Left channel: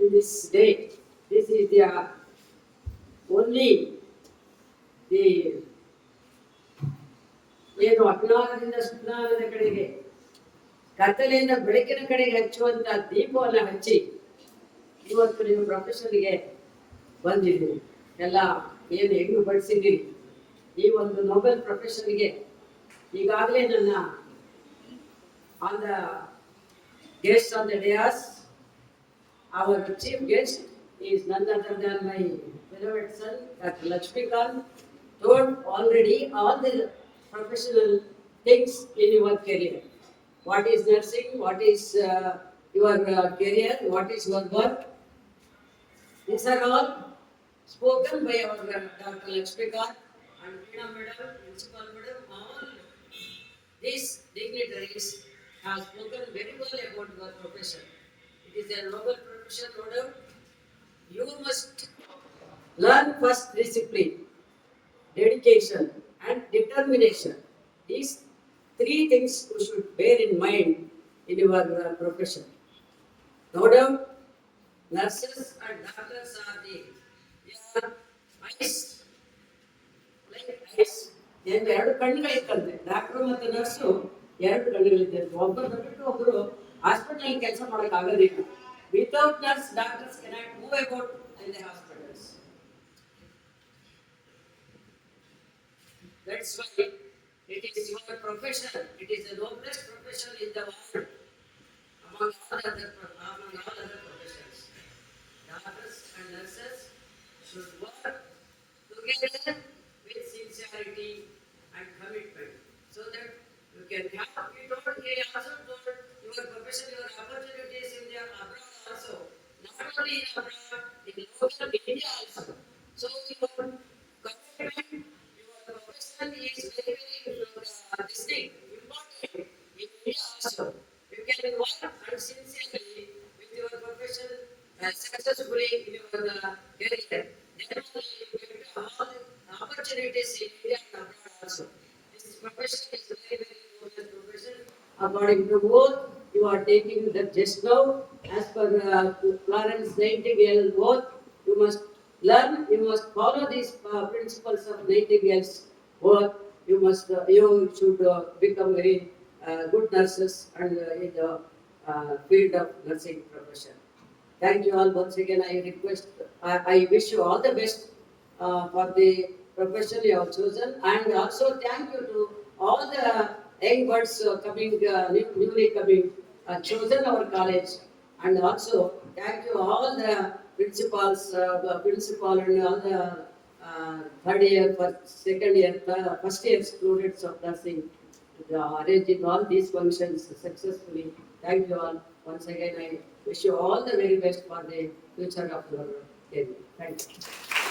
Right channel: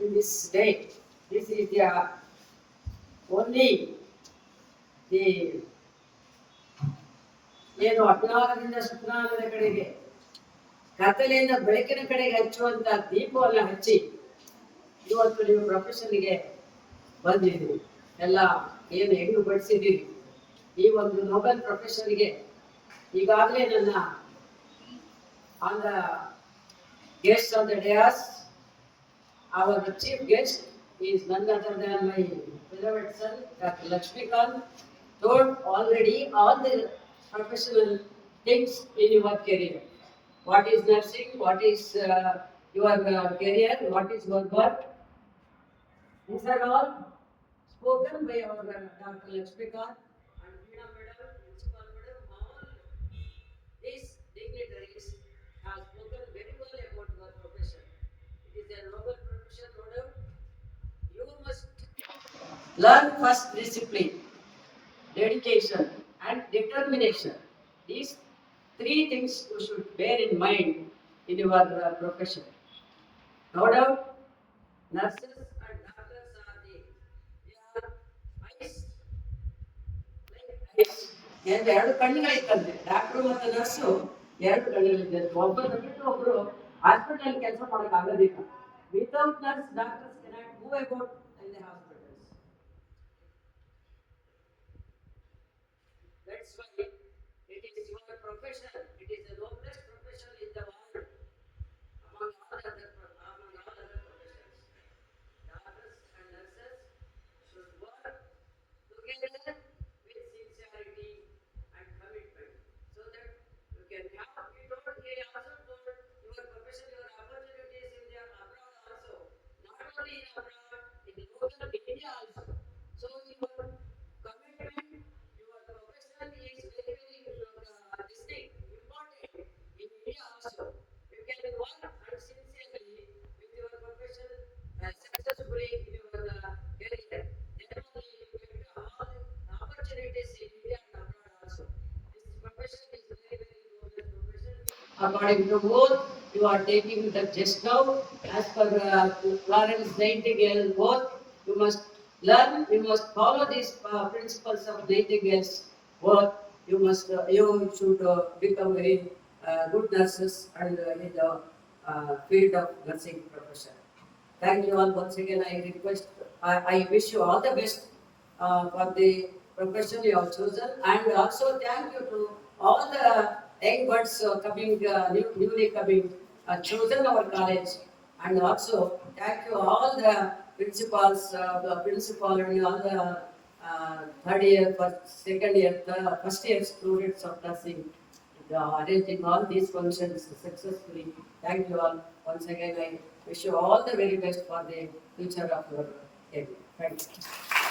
in this day. This is the only the ಏನು ಅಜ್ಞಾನದಿಂದ ಸುಜ್ಞಾನದ ಕಡೆಗೆ ಕತ್ತಲೆಯಿಂದ ಬೆಳಕಿನ ಕಡೆಗೆ ಹಚ್ಚುವಂತ ದೀಪವನ್ನು ಹಚ್ಚಿ ಇವತ್ತು ನೀವು ಪ್ರೊಫೆಷನ್ಗೆ ಬಂದಿದ್ದೀರಿ. ಎಲ್ಲ ಏನು ಹೆಂಗು ಬಡಿಸಿದ್ದೀರಿ ಈ ಒಂದು ನೊಬೆಲ್ ಪ್ರೊಫೆಷನ್ಗೆ. ಈಗಾಗಲೇ ನನ್ನ on the guest on the Dias, our chief guest is none other than my beloved son, Dr. Lakshmikant, told already all the professional things in your career. What is nursing, what is your career, what is your work. These are all spoken by our Dr. Lakshmikant and Veena Madam, Principal Madam. All these dignitaries have spoken very well about your profession. It is a noble profession, no doubt. You must learn first discipline, dedication, and determination. These three things you should bear in mind in your profession. No doubt, nurses and doctors are their eyes, like eyes. ಎರಡು ಕಣ್ಣುಗಳಿದ್ದಂತೆ doctor ಮತ್ತು nurse ಎರಡು ಕಣ್ಣುಗಳಿದ್ದಂತೆ. ಒಬ್ಬರು ಬಿಟ್ಟು ಒಬ್ಬರು hospital ಕೆಲಸ ಮಾಡಕ್ ಆಗೋದಿಲ್ಲ. Without nurse doctors cannot move about in the hospitals. That's why it is your profession. It is the noblest profession in the world among all other professions. Doctors and nurses should work together with sincerity and commitment, so that you can have. We told he also told your profession, your opportunities in the abroad also, not only in abroad, in local India also. So your commitment, your profession is very this thing important in India also. You can work and sincerely with your profession successfully in your career. Then only you get all opportunities in India and abroad also. This profession is very noble profession. According to both, you are taking the just now as per Florence Nightingale both. You must learn. You must follow these principles of Nightingale's work. You should become very good nurses and in the field of nursing profession. Thank you all once again. I wish you all the best for the profession you have chosen, and also thank you to all the young birds newly coming, chosen our college, and also thank you all the principals, the principal and all the third year, second year, first year students of nursing, arranging all these functions successfully. Thank you all once again. I wish you all the very best for the future of your career. Thank you.